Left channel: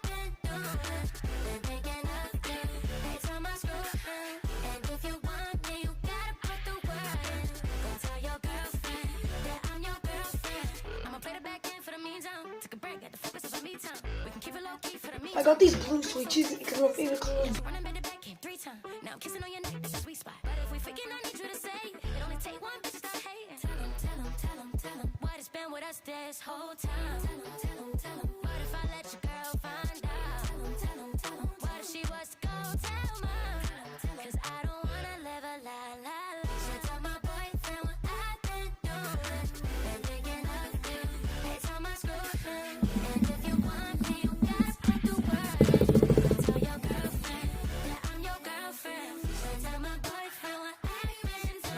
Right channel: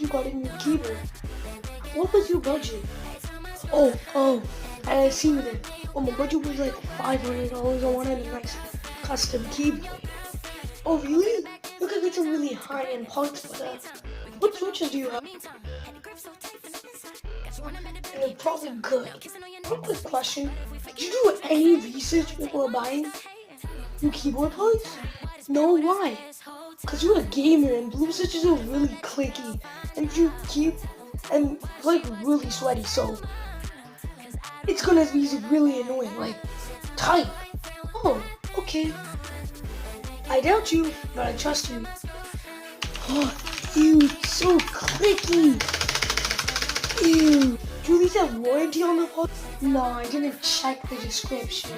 regarding your keyboard. What was your budget? Oh, I see that. Oh, my budget was like $500. I wanted a nice custom keyboard. Oh, really? Look at it's a really high-end parts for that. What switches do you have? I got these blue switches because my favorite colors, and they're probably good. One quick question: did you do any research before buying new keyboard parts? No, why? Because you're a gamer and blue switches are really clicky, and you keep and like really sweaty, so it's gonna be really annoying, like tight. Oh, okay. I doubt you, but I trust you. Oh, ew, so clicky. Ew. Do you have warranty on the parts? No, I didn't check the description.